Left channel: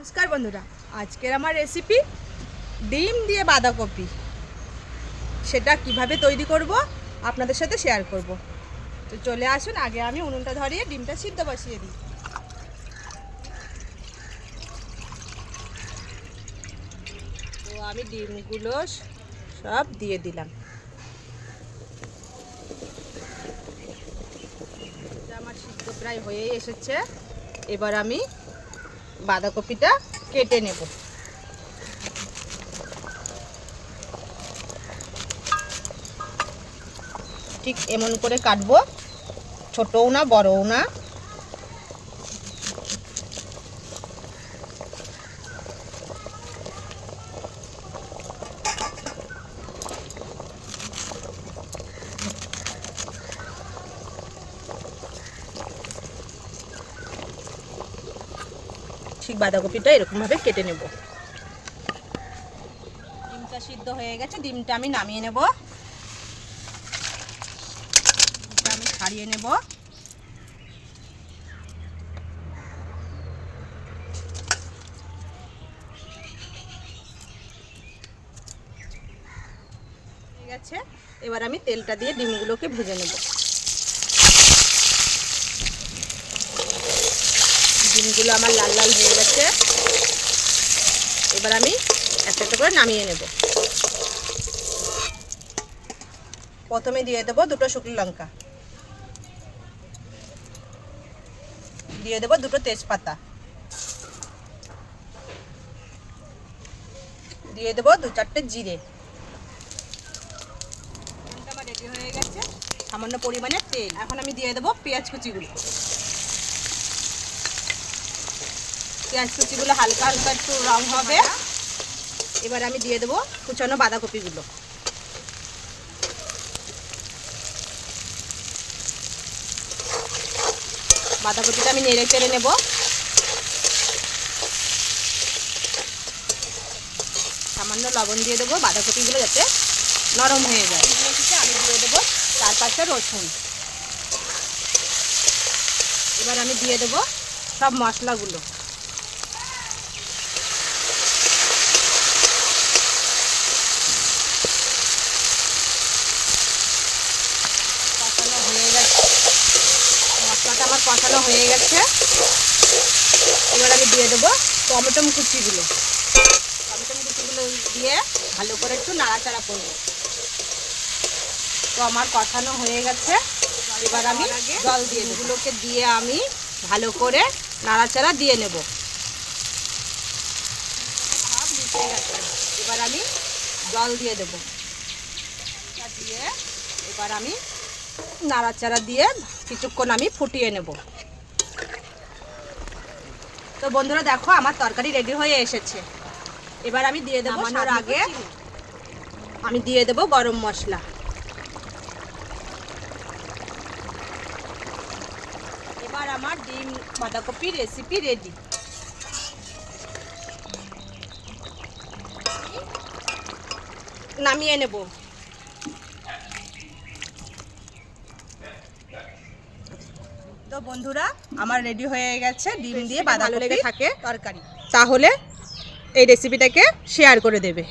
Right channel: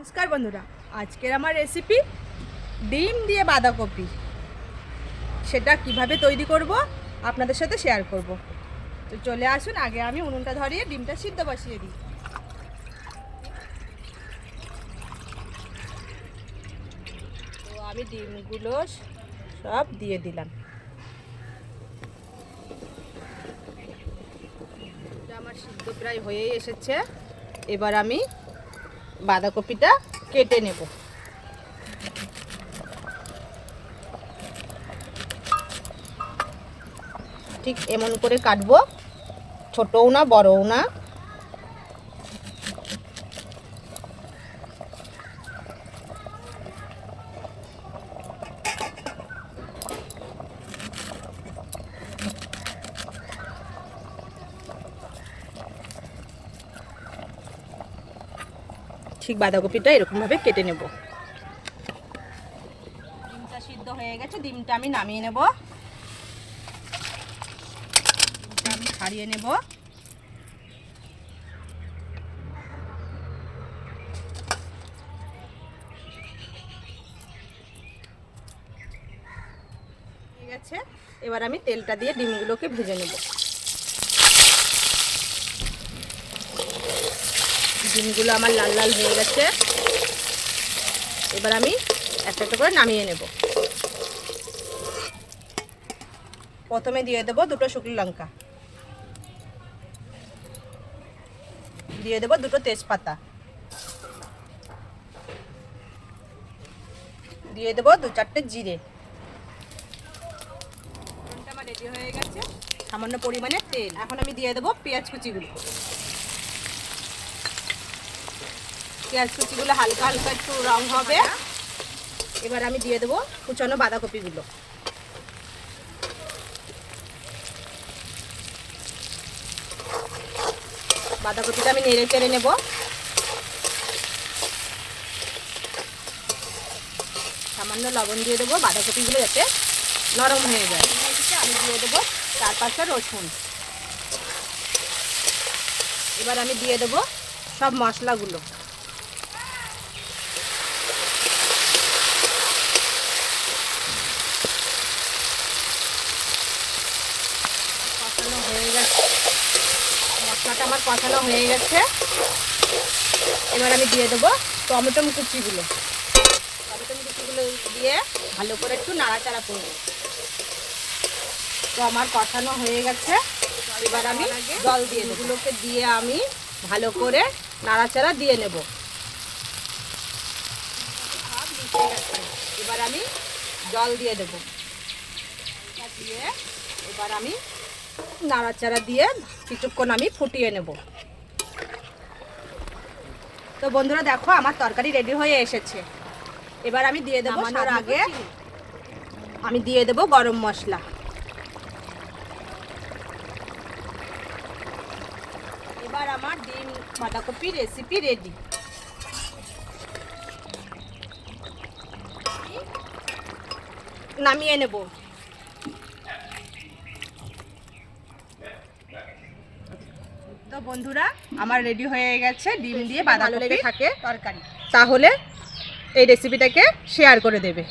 নমস্কার বন্ধুরা, আজকের আমার রেসিপি ডিম দিয়ে বাঁধাকপি। সেটা কীভাবে তৈরি করব আপনাদের সাথে শেয়ার করব। তো চলে আসুন, আগে আমি উনুনটা ধরিয়ে ডিমটা সিদ্ধ বসিয়ে দিই। তো আমি ডিমগুলো সব দিয়ে দিলাম। আমার সিদ্ধ প্রায় হয়েই এসেছে। এবার আমি বাঁধাকপিটা কেটে নেব। ঠিক এমন করে কাটবো। ছোটও না বড়ও না। ঠিক বাঁধাকপিটা এরকমভাবে কেটে নেব। ডিমটা সিদ্ধ হয়ে গেছে, ডিমটা আমি নামিয়ে নেব। ডিমটা আমি ছাড়িয়ে নেব। গেছে। এবার আমি তেলটা দিয়ে ডিমগুলোকে ভেজে নেব। ডিমগুলো আমার লাল লাল হয়ে গেছে। এবার আমি একটা একটা করে নামিয়ে নেব। প্রথমে দিয়ে দেবো দুটো শুকনো লঙ্কা। দিয়ে দেবো দুটো তেজপাতা। দিয়ে দেবো দু চারটে জিরে। রেডি হয়ে গেছে। সামান্য পরিমাণে তেল। এখন আমি দিয়ে দেবো পেঁয়াজ কুচিগুলো। পেঁয়াজ কুচিগুলো হালকা হালকা একটু রং হবে। এবার আমি দিয়ে দেবো কুচানো বাঁধাকপিগুলো। বাঁধাকপিটা আমি নেড়ে চেড়ে নেব। সামান্য লবণ দিয়ে দেবো বাঁধাকপিগুলো যাতে নরম হয়ে যায়। আমি দিয়ে দেবো চার পাঁচটা রসুন। এবার আমি দিয়ে দেবো সব মশলাগুলো কষানো হয়ে গেছে মশলাটা আমার কষানো হয়ে গেছে। এবার আমি দিয়ে দেবো টমেটো কুচিগুলো। টমেটো কুচিগুলো দিয়ে ভালো করে একটু নাড়াচাড়া করব। তো আমার কষানো হয়ে গেছে। এবার আমি জল দিয়ে এগুলোকে দিয়ে আমি ভালো করে নাড়াচাড়া দিয়ে নেব। এবার আমি জল দিয়ে দেবো। দিয়ে এবার আমি নাড়াচাড়া দিয়ে কিছুক্ষণ আমি ফুটিয়ে নেব। তো বন্ধুরা দেখো আমার তরকারি রেডি হয়ে এসেছে। এবার আমি দিয়ে দেবো নামানোর আগে। আমি দিয়ে দেবো গরম মশলা। এবার আমার ডিম বাঁধাকপি রেসিপি রেডি নামিয়ে নেব। তো বন্ধুরা আমার রেডি হয়ে গেছে ডিম দিয়ে বাঁধাকপি থাকে। তরকারি। তাহলে এই রেসিপিটাকে শেয়ার করে দেবে।